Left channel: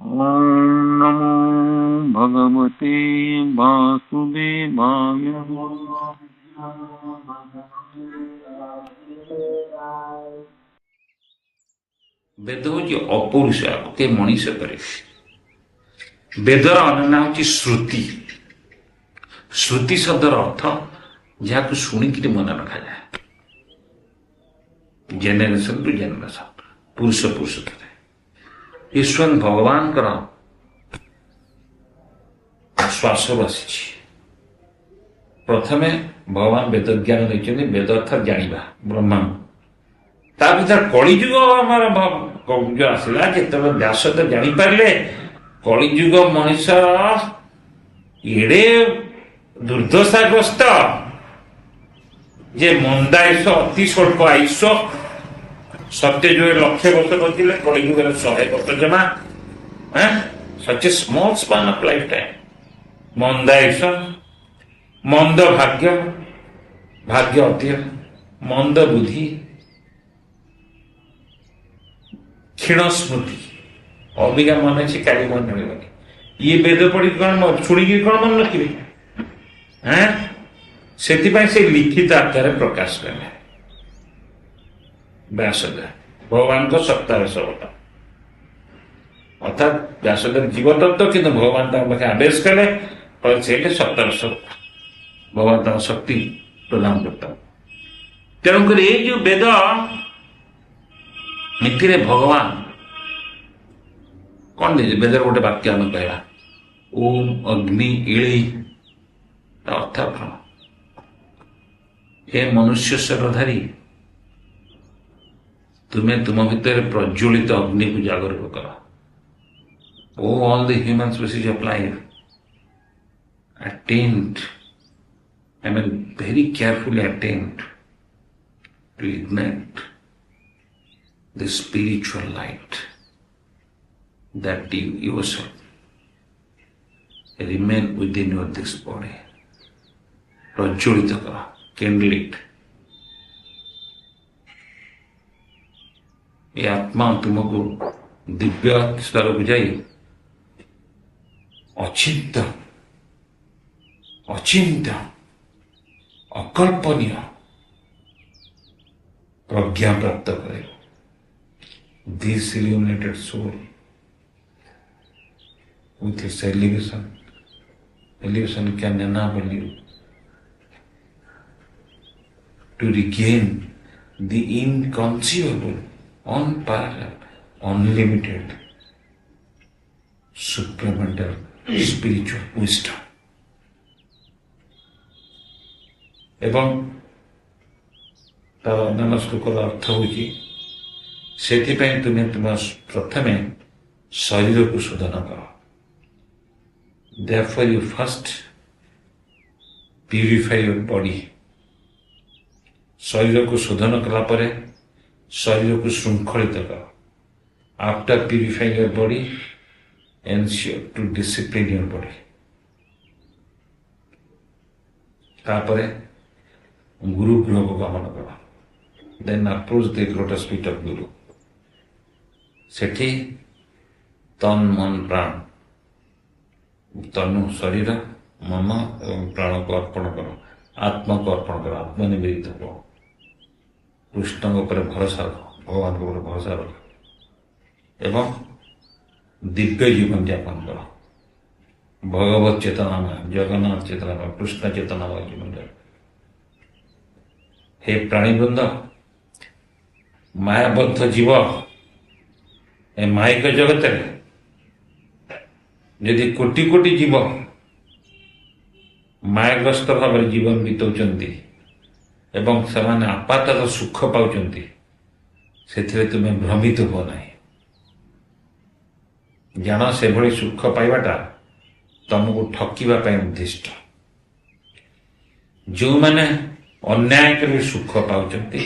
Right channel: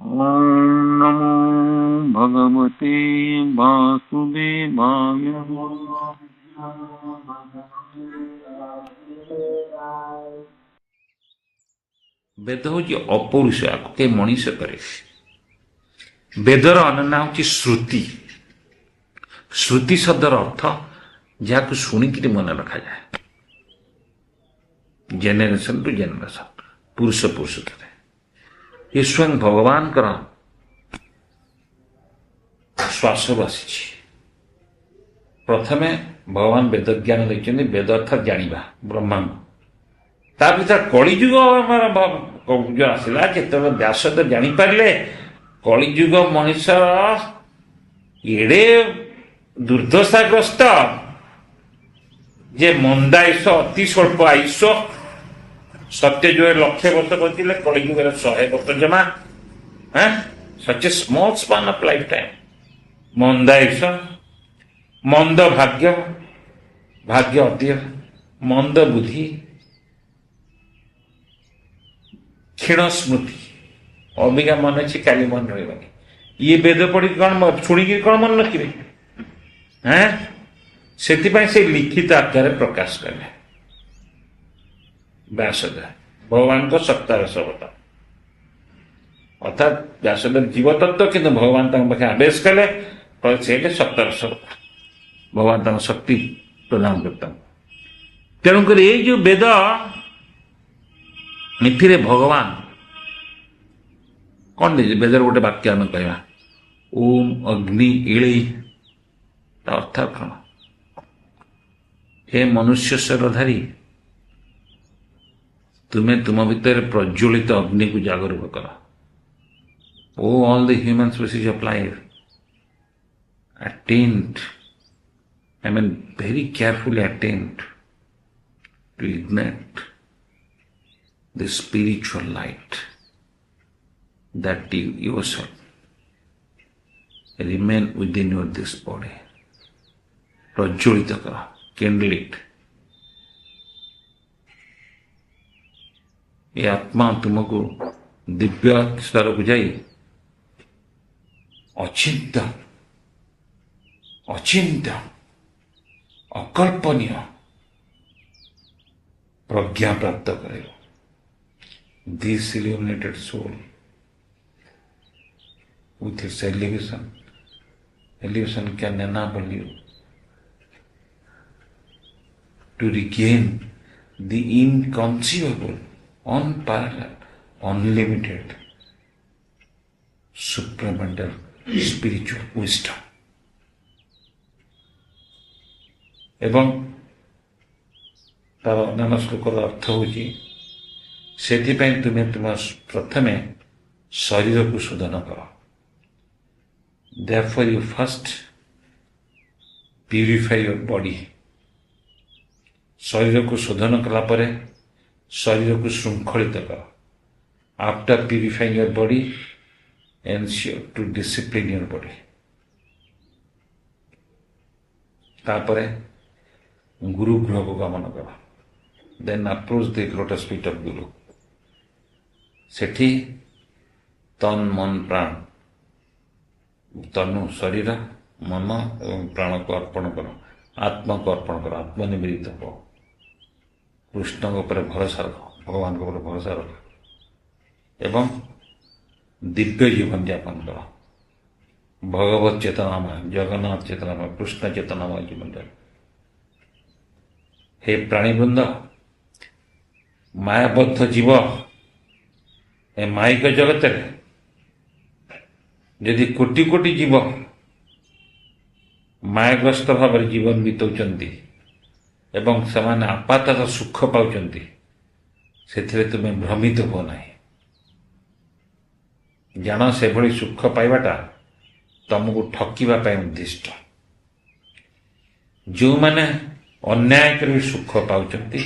ॐ नमो भगवते वासुदेवाय। ବେଦ ହେଉଛି ଅପୌରୁଷ, ଆକୁ କେହି ମଣିଷ କରେ। ବେଦର ଅନ୍ୟ ହେଉଛି ଶ୍ରୁତି। ଶ୍ରୁତି ଶବ୍ଦର ଅର୍ଥ ଯାହାକୁ ଶୁଣିକିରି ମନେ ରଖାଯାଏ, ଜେନେରେସନ ଟୁ ଜେନେରେସନ, ପୁରୁଷ ପୁରୁଷରେ। ଏ ସ୍ୱୟଂ ଭଗବାନଙ୍କର ଶ୍ୱାସରୁ ଆସିଛି। ପ୍ରଥମେ ଭଗବାନ ବେଦ ଜ୍ଞାନ ଦେଇଛନ୍ତି। ବେଦ ଅର୍ଥାତ୍ ଜାଣିବା, ବ୍ରହ୍ମାଣ୍ଡ। ତା ଭିତରେ କଳିଯୁଗ ଆମର ଆସିଲା, ଯେତେବେଳେ ବ୍ୟାସଦେବ ଜାଣିପାରିଲେ କଳିଯୁଗ ମଣିଷ ଏଡ଼େ ଦୁର୍ଦ୍ଦଶାଗ୍ରସ୍ତ ଯେ ମନ୍ଦାୟୁଷ, ଅତି ସ୍ୱଳ୍ପ ଆୟୁଷ। ସତ୍ୟଯୁଗରେ 1,00,000 ବର୍ଷ ବଞ୍ଚିଲେ, କଳିଯୁଗରେ 100 ବର୍ଷ ଜମା। Such a small span of life time. ମନ୍ଦାୟୁଷ, ମନ୍ଦ ଭାଗ୍ୟ, ଭାଗ୍ୟ ଅଧିକ, ମନ୍ଦ ବୁଦ୍ଧି, କ୍ଷୀଣ ସ୍ମୃତି। ଅବିକା ମନେ ଅଛି, କାଲି ମନେ ରହିବନି। ଇଏ ବେଦ ପଢ଼ିକି କ'ଣ ଶୁଣିକି କ'ଣ ମନେ ରଖିବେ? ସେଥିପାଇଁ ସେ ଲିଖିତ ଆକାରରେ ପ୍ରକାଶ କଲେ ବ୍ୟାସଦେବ, ଭଗବାନଙ୍କ ସପ୍ତାଦଶ ଅବତାର। ଅର୍ଥାତ୍ ବ୍ୟାସଦେବ ଜୀବତତ୍ତ୍ୱ, କିନ୍ତୁ ଭଗବାନ ତାଙ୍କ ପାଖେ ଆଦେଶ କଲେ, ସେ ହେଲେ ସପ୍ତାଦଶ ଅବତାର। ଭଗବାନ ତାଙ୍କ ଶକ୍ତି ପ୍ରଦାନ କରୁଛନ୍ତି। ତେଣୁକରି ଏଇ ଯୋଉ ବେଦ, ଏଥିରେ ଭଗବାନ କ'ଣ ଦେଇଛି? ବେଦର ଗୋଟେ ବାକ୍ୟ ଆମେ କହିବା, ଓಂ ଅଗ୍ନି ଇଳେଇ। ତା ଅର୍ଥ କ'ଣ? ହେ ମନୁଷ୍ୟ ଶରୀରଧାରୀ, ତୁମେ ତୁମ ଭିତରେ ପ୍ରଜ୍ୱଳିତ ଅଗ୍ନିକୁ ଜାଗରୂକ କର। ଓ all the human species of life attempt, very carefully attempt to ignite the spiritual light that you yourself remain within your this body. ପ୍ରଜ୍ୱଳିତ କର, kindle it. ଏ ଆତ୍ମା ତୁମକୁ ଦିବ୍ୟ ସ୍ତରକୁ ଯାଇ ଅଚିନ୍ତ୍ୟ, ଅକଳ୍ପନୀୟ ପ୍ରଜ୍ଞା ପ୍ରାପ୍ତ କରିବ। This illuminated soul with its elevation can enable you to regain the inconceivable, unparalleled, unlimited, supramental spiritual wisdom. ଏବଂ ତାର ଅନ୍ୟାନ୍ୟ ଶ୍ଲୋକର ଅର୍ଥ ହେଉଛି, ସେଥିପାଇଁ ତୁମେ ତୁମ ପ୍ରଥମେ ଶରୀରକୁ ଶୋଧନ କର। Therefore you first purify your body. ଶରୀରକୁ ଶୋଧନ କଲା ପରେ ଶରୀରକୁ ଶୃଙ୍ଖଳିତ କର। After purifying your body, ensure to discipline your body. ତାପରେ ଗୁରୁ ଗୃହକୁ ଗମନ କର। Then approach the lotus feet of Guru. ସେଠି ତନ୍ ମନ ପ୍ରାଣ, ତନୁ ଶରୀର, ମନ ଏବଂ ପ୍ରାଣକୁ ଅର୍ପଣ କର, ଆତ୍ମାକୁ ଅର୍ପଣ କର, ଆତ୍ମନିବେଦିତ ହୁଅ। କୃଷ୍ଣଙ୍କ ଉପରେ ଭରସା ରଖ, ଭଗବାନଙ୍କ ଉପରେ ଭରସା ରଖ ଏବଂ ଦିବ୍ୟ ଜୀବନ ଯାପନ କର। ଭଗବତ ଚେତନାମୟ, ଜଗନ୍ନାଥ ଚେତନାମୟ, କୃଷ୍ଣ ଚେତନାମୟ ଜୀବନ ଯାପନ। ହେ ପ୍ରାଣୀବୃନ୍ଦ, ମାୟାବଦ୍ଧ ଜୀବ ଏ ମାଇକ ଜଗତରେ ଯଦି କୋଟି କୋଟି ଜୀବ ମାୟାଗ୍ରସ୍ତ ଭାବରେ ଜୀବନ ବିତାଉଛନ୍ତି ଏବଂ ସେମାନେ ଆପାତତଃ ସୁଖ ପାଉଛନ୍ତି, ସେଥିରେ ତୁମେ ଭ୍ରମିତ ହୁଅ ନାହିଁ। ଜାଣ, ସେଭଳି ସୁଖ ପାଇବାଟା ତମକୁ ଠକିବା ପାଇଁ ଉଦ୍ଦିଷ୍ଟ। ଯେଉଁମାନେ ଅନ୍ୟାୟ କରି ସୁଖ ପାଉଛନ୍ତି,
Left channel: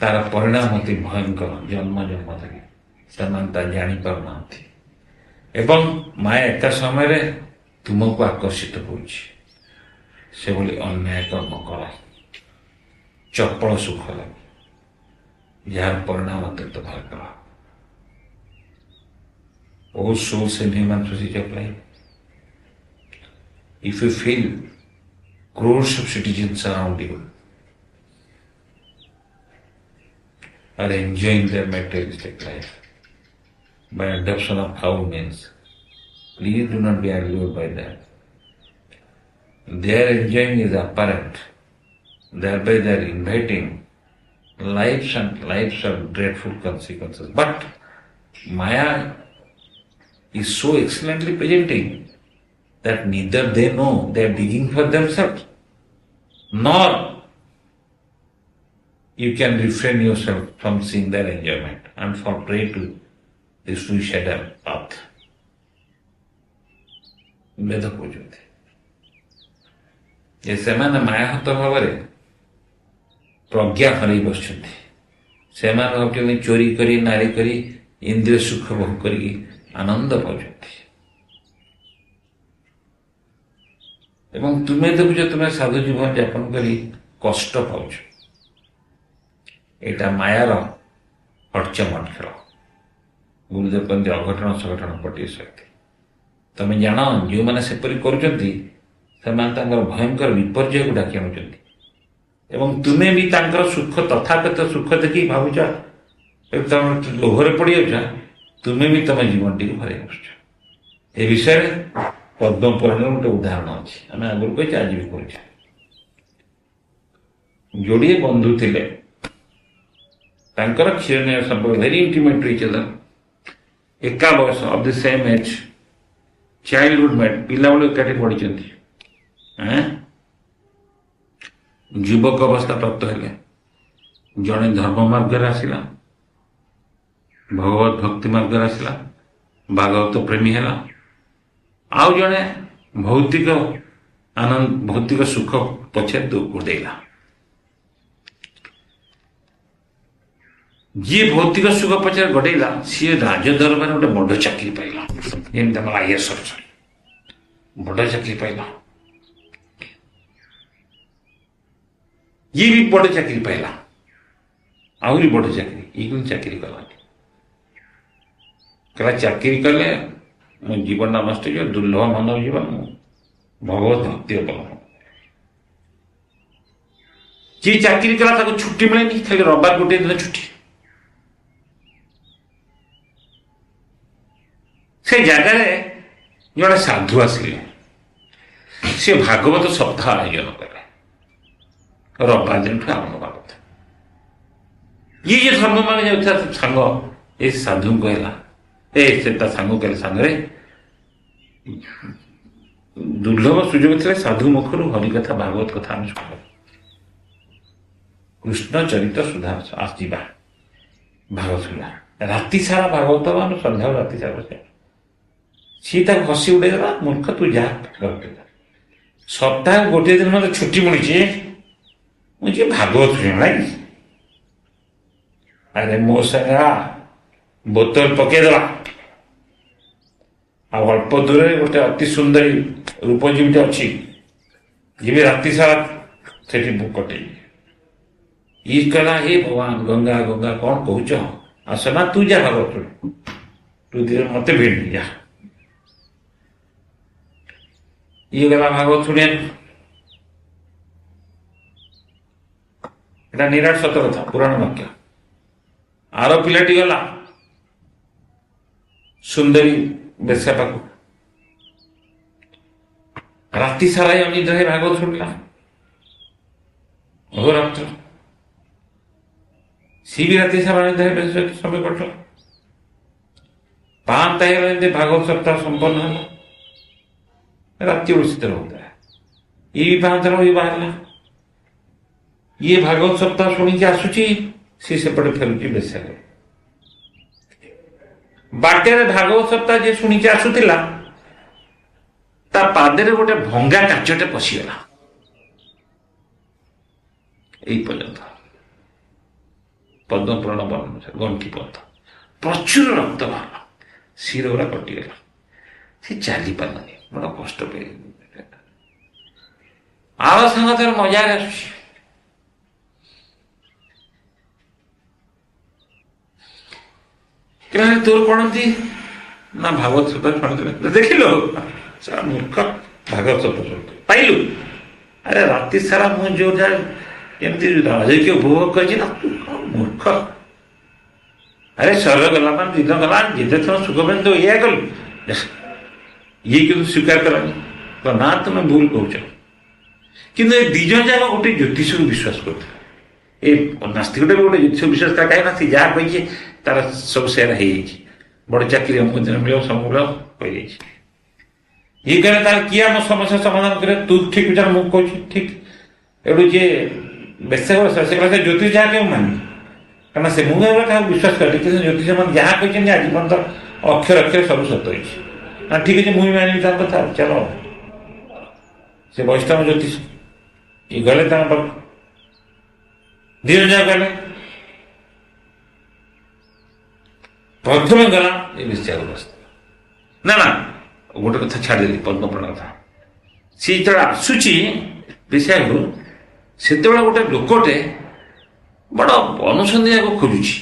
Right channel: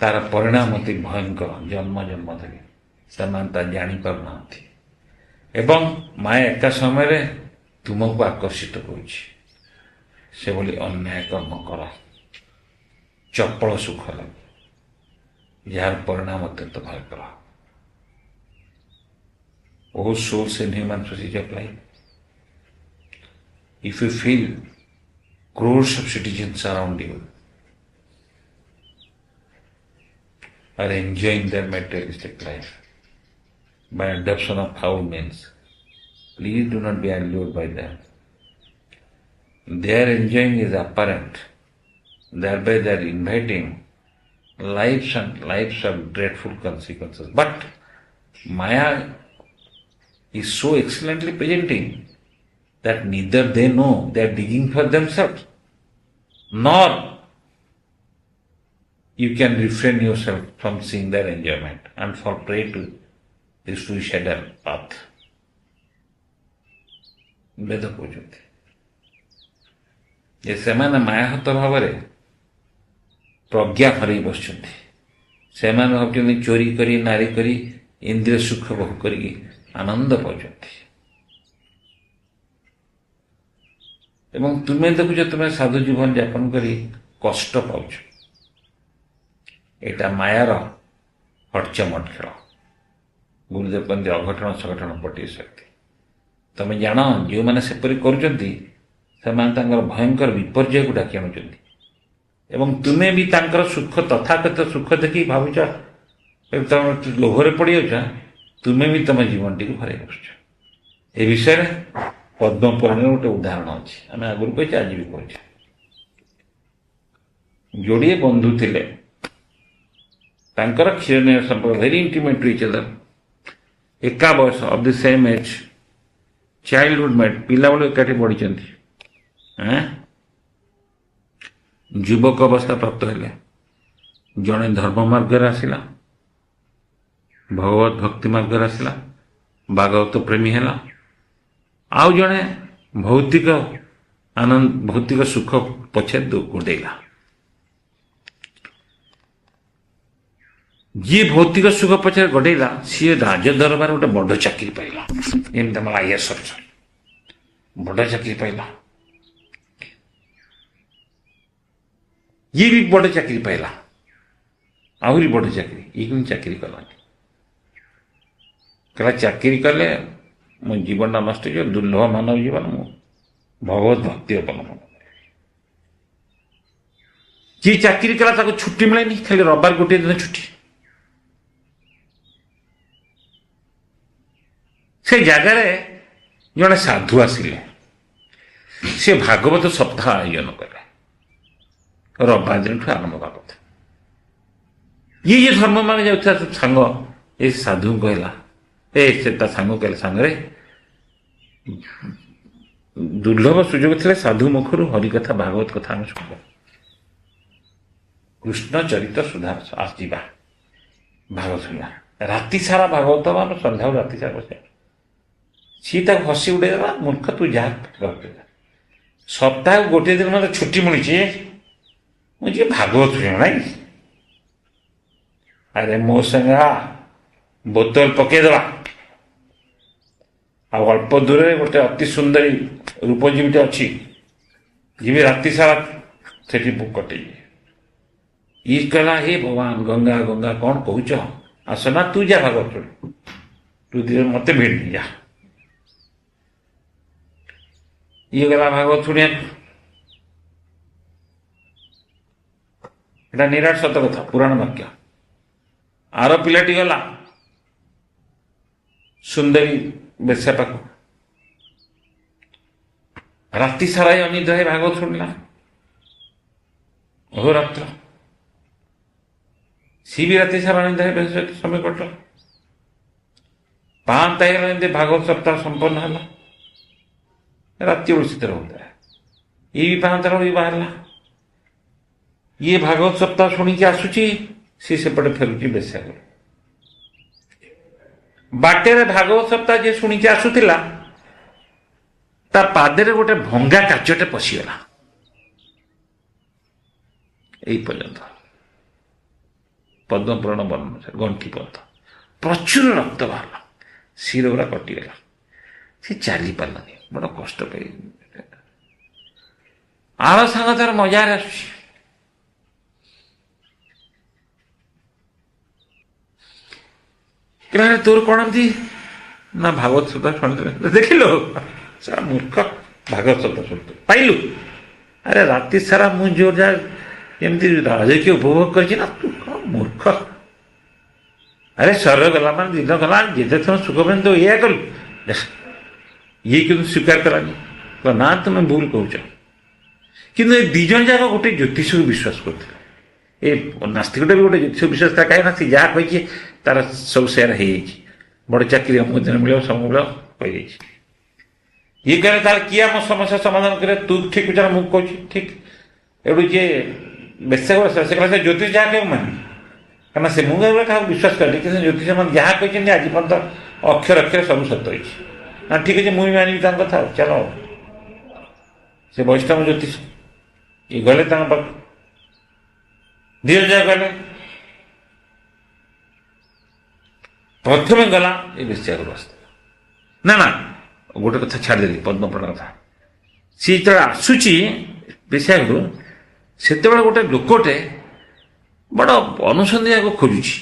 ତାର ପରିଣାମ ଅତି ଭୟଙ୍କର। ଜନ୍ମ ଜନ୍ମ ଧରି ସେମାନେ ତା ଜାଣିପାରୁନାହାନ୍ତି ଏବଂ ମାୟା ଏକା ସମୟରେ ତୁମକୁ ଆକର୍ଷିତ କରୁଛି। ସେଭଳି ଅନ୍ୟାୟ କର୍ମ କର, ଚପଳ ସୁଖ ଲାଗେ, ଯାହାର ପରିଣାମ ଅତ୍ୟନ୍ତ ଭୟଙ୍କର। all souls in human procedure of life. If you feel crores of citizens around you are enjoying their materialistic life by adoption of foul means, please do not be allured by them. Their enjoying is apparent, thereby they are inviting lives of dreadful consequences. But Maya is so excellently presenting that neither they know they are digging for themselves, nor you can refrain yourself from seeing their enjoyment and fall prey to this suicidal path. ବେଦ କହୁଛନ୍ତି ଯେ ସେମାନେ ମାୟାହତ ଭାବରେ ପ୍ରଜ୍ଞା ହରେଇ ବସିଛନ୍ତି। ସେମାନେ ଭାବୁଛନ୍ତି ଚୋରି କରି ନାରୀ କରି ଇନ୍ଦ୍ରିୟ ସୁଖ ଭୋଗ କରିକି ଆନନ୍ଦ ପାଉଛନ୍ତି। ଏବଂ ତୁମେ ଦେଖୁଛ ତୁମେ ସାଧୁ ଜୀବନ ଯାପନ କରି କଷ୍ଟ ପାଉଛ। ଏଇଟା ମାୟାର ହଟଚମଟ ଖେଳ। ଗୁରୁଦେବ କହନ୍ତି ଅଘଟଣ ସଘଟଣ ପଟିଏ ଶକ୍ତି। ତମେ ଜାଣ ଯେଉଁମାନେ ସେପରି କରୁଛନ୍ତି ସେମାନେ ତାଙ୍କର ଭୟଙ୍କର ବିପର୍ଯ୍ୟୟକୁ ଡାକି ଆଣୁଛନ୍ତି ଏବଂ ତୁମେ ବି ତାଙ୍କର ସୁଖ ତଥାଗତ ସୁଖ ଦେଖି ଭାବୁଛ ତମେ ଲୋଭରେ ପଡ଼ିଯାଉଛ, ତୁମେ ବି ତମ ଜୀବନଟିକୁ ହରାଇ ବସୁଛ। ଏ ବିଷୟରେ ପଦ୍ମ ପୁରାଣର ଗୋଟେ ଉଦାହରଣ ଅଛି, ଆମେ ଆଗରୁ କହିଛେ ଆଜି ବି କହୁଛେ। ଯୋଡ଼ିଏ ବନ୍ଧୁ ଥିଲେ, ତାଙ୍କର କ୍ଷୀରନେୟ ସମ୍ପର୍କ very intimate to each other, ଏକା ବୟସ of the same age, childhood mate, ପିଲାବେଳୁ ଏକାଠି ପଢ଼ିଛନ୍ତି। ଯୁବକ ଅବସ୍ଥା ପ୍ରାପ୍ତ ହେଲେ ଜଣେ ଧର୍ମ ମାର୍ଗରେ ଆସିଲା, ଭଗବତ ଭକ୍ତି ମାର୍ଗରେ ଆସିଲା, ଭାଗବତ ପ୍ରେମୀ ହେଲା, ଆଉ ଜଣେ ଭୌତିକ ସୁଖ ପଛେ ଗୋଡ଼େଇଲା। ଯିଏ ଭୌତିକ ସୁଖ ପଛରେ ଗୋଡ଼େଇଲା ସିଏ ରାଜଦରବାରରେ ଗୋଟେ ବଡ଼ ଚାକିରି ପାଇଲା, ଯେମିତି ଆମର IAS ଅଫିସର ବଡ଼ ଚାକିରି ପାଇଲା। ଇଏ ବି ବଡ଼ ଚାକିରି ପାଇଲା, ଆହୁରି ବଡ଼ ଚାକିରି। ଇଏ କିନ୍ତୁ ଚାକିରି କଲାନି। କହିଲା ଚାକିରି କଲେ ମୋ ଜୀବନଟା ନଷ୍ଟ ହେଇଯିବ, ଦୁର୍ଲଭ ମାନବ ଜୀବନ, ମୁଁ ଭଗବତ ଭକ୍ତି ଅବଲମ୍ବନ। ଯିଏ ଚାକିରି କଲା ତାକୁ ଛୁଟି ମିଳେନି, ଖାଲି ରବିବାର ଗୋଟିଏ ଦିନ ଛୁଟି। ସେ ଜାଗାରେ ଜଣେ ସାଧୁ ଆସିଲେ, ସେ ଭାଗବତ ସପ୍ତାହ ଆୟୋଜନ କଲେ। ରବିବାର ଦିନଠୁ ଆରମ୍ଭ ହେବା କଥା। ଇଏ ଧର୍ମ ମାନେ ଯାଉଥିବା ସାଙ୍ଗ ଏ ସାଧୁଙ୍କୁ କହିଲା, ସେ ତା ସାଙ୍ଗ କହିଲେ, ସାଙ୍ଗରେ ଦୁର୍ଲଭ ସୁଯୋଗ ଥିଲେ ସାଧୁ ମୁଖରୁ ହରିକଥା ଭାଗବତ କଥା ଆମେ ଶୁଣିବା, କୃଷ୍ଣ ଚରିତ ସୁଧା ଆସିଯିବା, ଭାଗବତ ଶୁଣିବା। ରାତି ସାରା ଭାଗବତ ମାନେ ସନ୍ଧ୍ୟାରୁ ରାତି ସାରା ବସେ। ସିଏ ତାକୁ ହସି ଉଡ଼େଇଦେଲା, ମୂର୍ଖ ତୁ ଯାହା ସପ୍ତାହ ଗୋଟିଏ ଦିନ ମୋତେ ଛୁଟି ମିଳିଛି, ମୁଁ ଯିଏ ଭାଗବତ ଶୁଣିବ ନାଇଁ। ଆରେ ମୋ ସାଙ୍ଗେ ବୋତଲ ପକେଇଦେଲା, ଆଉ ଅଳ୍ପ ଦୂରରେ ଗୋଟେ ଅତି ସୁନ୍ଦରୀ ରୂପଜୀବୀଟେ ଅଛି, ଯିବି ରାତି ସାରା ସେଠି କଟେଇବି। ଇଏ କହିଲା, ହେ ଭଗବାନ, ଗଙ୍ଗା ଗଙ୍ଗା କ'ଣ କହୁଛ, ଆସ ନା ତୁ ଯା ଭାଗବତ ଶୁଣି, ତୁ ଦିନ ମତେ ଭିଡ଼ି ଯା। ଇଏ ଗଲା ଭାଗବତ ଶୁଣିବାକୁ। এটা ନିରାଟ ସତ କଥା, ପୁରାଣ ବାକ୍ୟ। ଆର ପିଲାଟି ଗଲା ସୁନ୍ଦରୀ ବେଶ୍ୟା ପାଖକୁ, ରାତି ସାରା ଅନିଦ୍ରା ହେଇ ଭାଗବତ ଶୁଣିଲା, ଅହୋରାତ୍ର। ସିଏ ବି ରାତି ସାରା ଅନିଦ୍ରା ହେଇ ସମୟ କଟିଲା। ପାଆନ୍ତା ହେଇଗଲା, ଯେମିତି ଭାଗବତ ସପ୍ତାହ ସମ୍ପନ୍ନ ହେଲା। ରାତି ବେଳୁ ଶୀତ ରହୁଥିଲା, ଇଏ ବି ପାଆନ୍ତା ଇଏ ବାହାରିଲା। ଇଏ ଭାଗବତ ସପ୍ତାହ ଶୁଣିକି ଆସୁଛି, ସିଏ ସେପଟେ ଫେରୁଛି ବେଶ୍ୟା ଘରେ। ବାଟରେ ଭାଗବତ ସପ୍ତାହ ଯିଏ ଶୁଣିକି ଆସୁଥିଲା, ତା ପାଦରେ ଗୋଟେ ଭଙ୍ଗା କାଚଟେ ପଶିଗଲା। এই পর্যন্ত পদ্মপুরাণ বর্ণনা আছে, গଣ୍ଠି ପର୍ଯ୍ୟନ୍ତ ପ୍ରଚୁର ରକ୍ତ ବାହାରିଲା, ଶିର ଗୁଡ଼ା କଟିଗଲା, ସେ ଚାଲି ପାରିଲାନି, ବଡ଼ କଷ୍ଟ ପାଇ। ଆର ସାଙ୍ଗ ତାର ମଜାରେ ଆସୁଛି, ତୋର କଣ ଏମିତି ନା ଭାଗବତ ସପ୍ତାହ ଶୁଣିଦେବେ ଦେଖିଲୁ ସାରା ମୂର୍ଖ ଭାଗବତ ସପ୍ତାହ ଶୁଣିଛୁ ପାଇଲୁ ଆରେ ରାତି ସାରା ମୁଁ ଯୋଉଟା ଯେମିତି ରାଜକୀୟ ଉପଭୋଗ କରିଛି ନା ତୁ କଣ ମୂର୍ଖ ଆରେ ଶରୀର ଗଲା ମାନେ ଦିନ ଗଲା ଯେତେ ଥର ସୁଖ ପାଇଁ ତ ଏଇଆ କଲୁ ଇଏ କିନ୍ତୁ ସ୍ୱୀକାର କଲାନି ନା ତୁମେ ଭୁଲ କହୁଛ କିନ୍ତୁ ଏ ଦି ଜଣ ଯାକ ଗୋଟେ ଜ୍ୟୋତିଷକୁ ବିଶ୍ୱାସ କରୁଥିଲେ ଏ ନାସ୍ତିକଟା ବି ଗୋଟେ ଜ୍ୟୋତିଷ ବିଶ୍ୱାସ ତା କାହିଁକି ନା ସେ ଯାହା କହିଛି ତାର ସବୁ ସେୟାର ହେଇଯାଇଛି ବଡ଼ ଚାକିରି ଅମୁକ ଦିନ ମିଳିବ ସବୁ ମିଳିବ କହିଯାଇଛି ଇଏ କହିଲେ ତାହେଲେ କିଏ ଆମ ସମସ୍ୟା ସମାଧାନ କରେ ତୁ ଠିକ ବିଚାର ମୁଁ କହୁଛି ଠିକ ଏଠୁ ଯିଏ ବେଶ ସେ କହିଲା ସେ ଜ୍ୟୋତିଷ ଯାହା କେବେ ମାନି କାରଣ ସେ ମୁଁ କାହାକୁ ବିଶ୍ୱାସ କରେ କିନ୍ତୁ ଜ୍ୟୋତିଷ ମାନେ ଯାହା କହିଛନ୍ତି ଆଜି ପର୍ଯ୍ୟନ୍ତ ଅକ୍ଷର ଅକ୍ଷର ସବୁ ସତ ହେଇଛି ନା ଠିକ ଅଛି ମୁଁ ବି ମାନିବି ତାଙ୍କ କଥା ଚାଲ ସେ ବୈଷ୍ଣବ ଜ୍ୟୋତିଷ ଇଏ ଗଲେ ତାଙ୍କ ପାଖକୁ ଦି ଜଣ ଯାକ ଗଲେ ପ୍ରଥମେ ଗଲା ଏ ବେଶ୍ୟାକୁ ବସିଥିଲା ନା ନା ଗୋଟେ କଥା ଛାଡ଼ିଦେଲି ପଦ୍ମପୁରାଣ କଥା ସିଏ ଯେତେବେଳେ ଆସୁଛି ବେଶ୍ୟାକୁ ସେତେବେଳେ ଗୋଟେ ଲୋକଟେ ବଡ଼ ଅନୁସନ୍ଧାନକୁ ଖୋଜୁଛି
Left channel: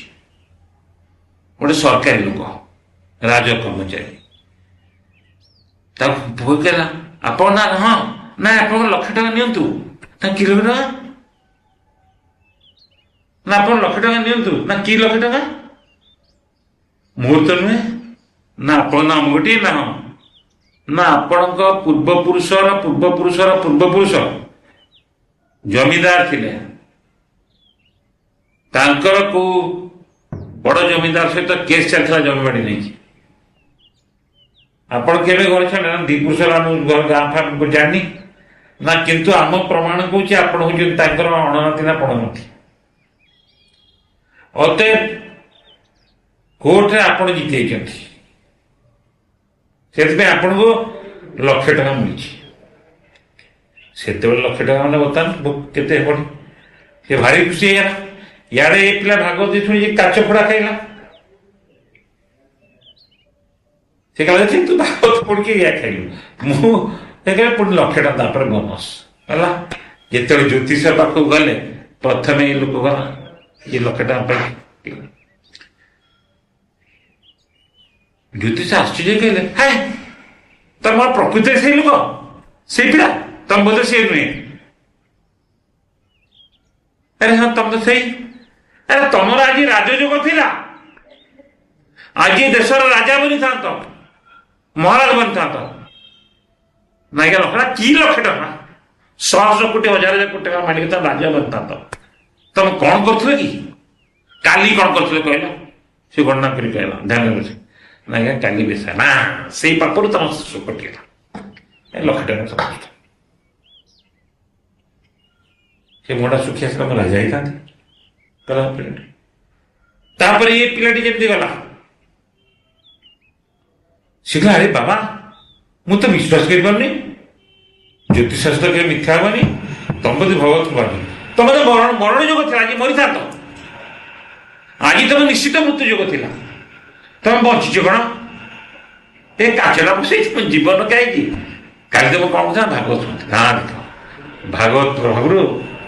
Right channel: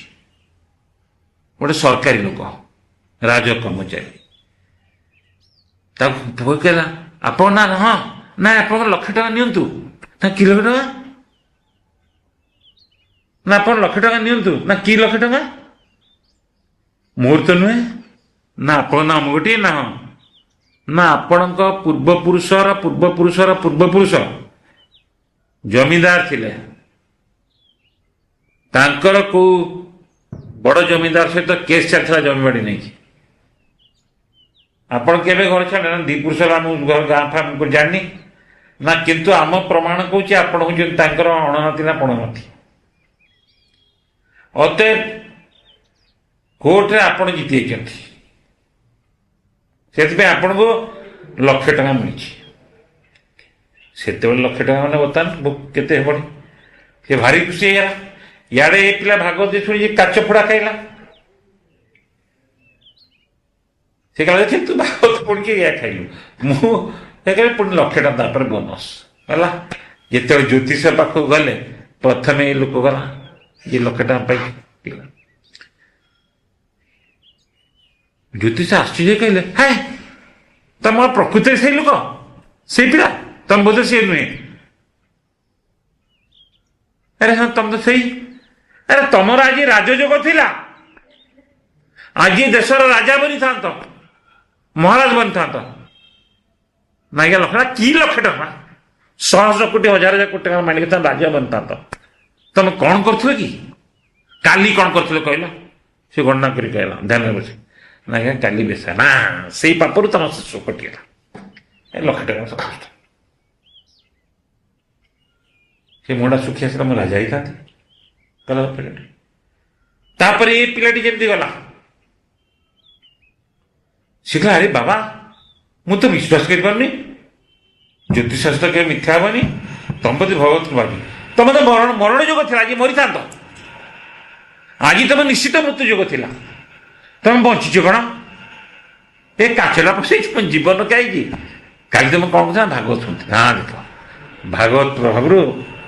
ଗୋଟେ ସରକାରୀ ଲୋକ ରାଜ କର୍ମଚାରୀ ତାକୁ କହିଲା ଆପଣ ନା ହଁ ନା ଆପଣଙ୍କ ଲକ୍ଷ ଟଙ୍କା ନିଅନ୍ତୁ ନା କି ଲକ୍ଷ ଟଙ୍କା ନା ଆପଣ ଲକ୍ଷ ଟଙ୍କା ନିଅନ୍ତୁ ନା କି ଲକ୍ଷ ଟଙ୍କା ମୋର ତ ନୁହେଁ ନା ଆପଣ ନା ଆମ ଗୋଟିଏ ନା ହଁ ନା ଆପଣଙ୍କ ପୂର୍ବପୁରୁଷର ପୂର୍ବପୁରୁଷର ପୂର୍ବପୁରୁଷ ଜମିଦାର ଥିଲେ ତାଙ୍କର କୋଉ ବଡ଼ ଜମିଦାର ସହିତ କେସ୍ ଚାଲିଥିଲା ଜମିବାଡ଼ି ନେଇକି ଆପଣ କେବେ ଘର ଛାଡ଼ିଲେ ନା ଦି ପୁରୁଷ ଆମ ଘର ଗାଁ ଫାଁ ଜାଣିନି ନା କିନ୍ତୁ ଆମ ପ୍ରମାଣ କହୁଛି ଆପଣ ହଉଛନ୍ତି ତାଙ୍କର ଅଣନାତି ନା ପଣନାତି ଅତଏବ କୋର୍ଟରେ ଆପଣ ଜିତି ଯାଇଛନ୍ତି ସେଥିପାଇଁ ଆପଣଙ୍କୁ ଲକ୍ଷ ଟଙ୍କା ମିଳିଛି ସେତେବେଳେ ଲକ୍ଷ ଟଙ୍କା ମାନେ ବର୍ତ୍ତମାନ କେତେ ହେବନି ସେ ଭାରି ଖୁସି ହେଇଗଲା ଇଆଡ଼େ ଏ ପିଲା ଭାଗବତ ଶୁଣିଛି କାଚ ଫୋଡ଼ା ଖାଇଲା ସେ କହିଲା ତୁ ଭାଗବତ ପଢ଼ିକି ଇଆ ଖାଇଲୁ ମୁଁ କହିଲେ ପୁଣି ଲକ୍ଷ ଟଙ୍କା ତାପରେ ବୋନସ୍ ହେଲା ଯେତେବେଳେ ଜ୍ୟୋତିଷ ପାଖକୁ ଗଲେ ପ୍ରଥମେ ଏ ଲୋକ ଗଲା ଇଏ ଲକ୍ଷ ଟଙ୍କା ପାଇକି ଜ୍ୟୋତିଷ ଆଶ୍ଚର୍ଯ୍ୟ କହିଲେ ହାଏ ତମର ପ୍ରକୃତରେ ସେଇ ଲୋକ ସେଇ ପିଲା ତମ ବୋଧେ ସେ ନୁହେଁ ଆରେ ହଁ ତମ ତ ସେଇ ଆରେ ତମର ଆଜି ରାଜଯୋଗ ଥିଲା ଆଜି ଦେଶର ରାଜା ବନିଥାନ୍ତ ମହାରାଜ ବନିଥାନ୍ତ ନାଇକା ଲକ୍ଷ ଟଙ୍କା କି ଲକ୍ଷ ଟଙ୍କା ଶହ ଶହ କୋଟି ହଜାର ହଜାର କୋଟି ଟଙ୍କା ମାଣିକି ତମେ ରାଜା ବନିଥାନ୍ତ ତମେ କଣ କରୁଥିଲ କି କାଲି କଣ କରୁଥିଲେ କହିଲ ସେ ଗଣନା କରି କହିଲା ଧ୍ୟାନରେ ବସି ନାଇଁ କାଲି ବେଶା ନା ସେଇ ପାପରୁ ତମ ଶିଶୁ କଟିଗଲା ଏ ଲକ୍ଷ ଟଙ୍କା ସମସ୍ତ ସେ ମୁହଁଟା ଶୁଖି ଆସିଲା ମୁଁ ରାଜା ହେଇଥାନ୍ତି ଗଲା ପିଲାଟି ତାପରେ ଏ ପିଲାଟି ଯେମିତି ଗଲା ସେ କହିଲା ଆରେ ବାବା ମୁଁ ତ ବିଶ୍ୱାସ କରିପାରୁନି ଜ୍ୟୋତିଷଶାସ୍ତ୍ର କେବେ ମିଥ୍ୟା ହବନି ତମ ପ୍ରତି ଭଗବତ କୃପା ତମେ ତ ମରଣ ଯୋଗ ଥିଲା ଆଜି ମରିଥାନ୍ତ ଆଜି ତମେ ନିଶ୍ଚିତ ମୃତ୍ୟୁ ଯୋଗ ଥିଲା ତମେ ବଞ୍ଚିଛ କଣ ଏ କାଚଟା ପଶେଇଛି ତମ ଜୀବନ କାହିଁକି କାଲି ତମେ କଣ କଥା ଭାଗବତ ଶୁଣିଥିଲି ହଁ ଦେଖ ଭାଗବତ ପ୍ରଭାବରୁ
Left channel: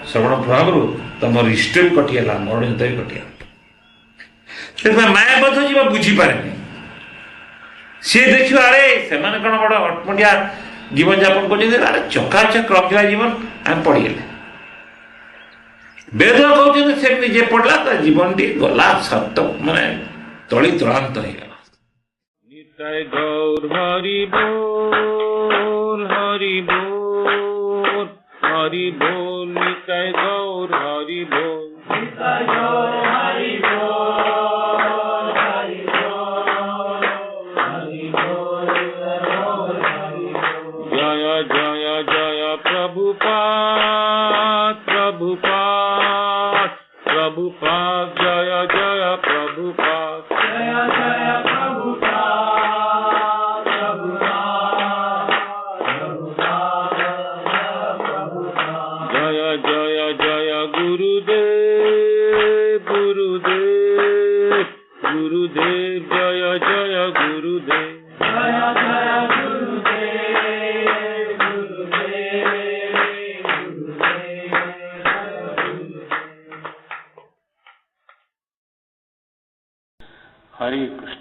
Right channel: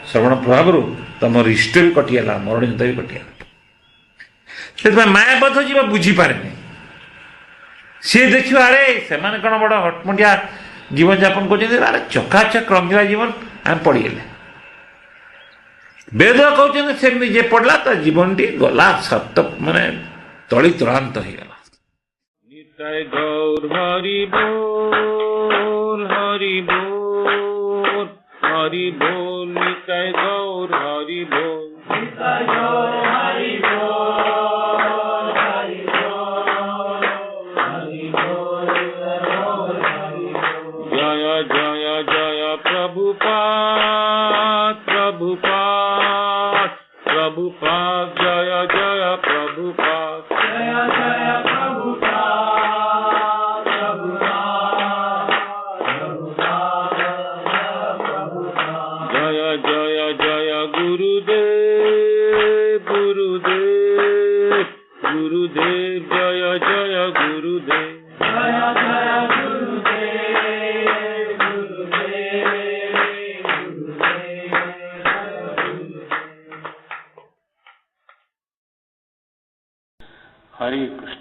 ଶ୍ରବଣ ପ୍ରଭାବରୁ ତମର ହିଷ୍ଟୋରୀ କଟିଗଲା ମରଣ ଯୁଦ୍ଧ ବି କଟିଗଲା ସେଥିପାଇଁ ମାୟାବଦ୍ଧ ଯିବା ବୁଝିପାରେନି ସିଏ ଦେଖିବ ଆରେ ସେମାନେ କଣ ବଡ଼ ହଟମୁଣ୍ଡିଆ ଜୀବନଯାପନ କରୁଛନ୍ତି ଆରେ ଚକାଚକ ରଙ୍ଗିଲା ଜୀବନ ଆମେ ପଡ଼ିଗଲେ ବେଦ କହୁଛନ୍ତି ସେମିତି ଯିଏ ପଡ଼ିଲା ତା ଜୀବନଟି ଗଲା ସତ ମାନେ ତଳି ତଳାନ୍ତ ହେଇଗଲା নিতাই গৌর হরি বল হরি বল হরি বল নিতাই গৌর হরি বল নিতাই গৌর হরি বল হরি বল হরি বল জয় জয় জয় প্রভুপাদ প্রভুপাদ প্রভুপাদ জয় জয় প্রভুপাদ জয় জয় गुरुदेव जय जय गुरुदेव जय जय गुरुदेव गुरुदेव गुरुदेव हरे कृष्ण।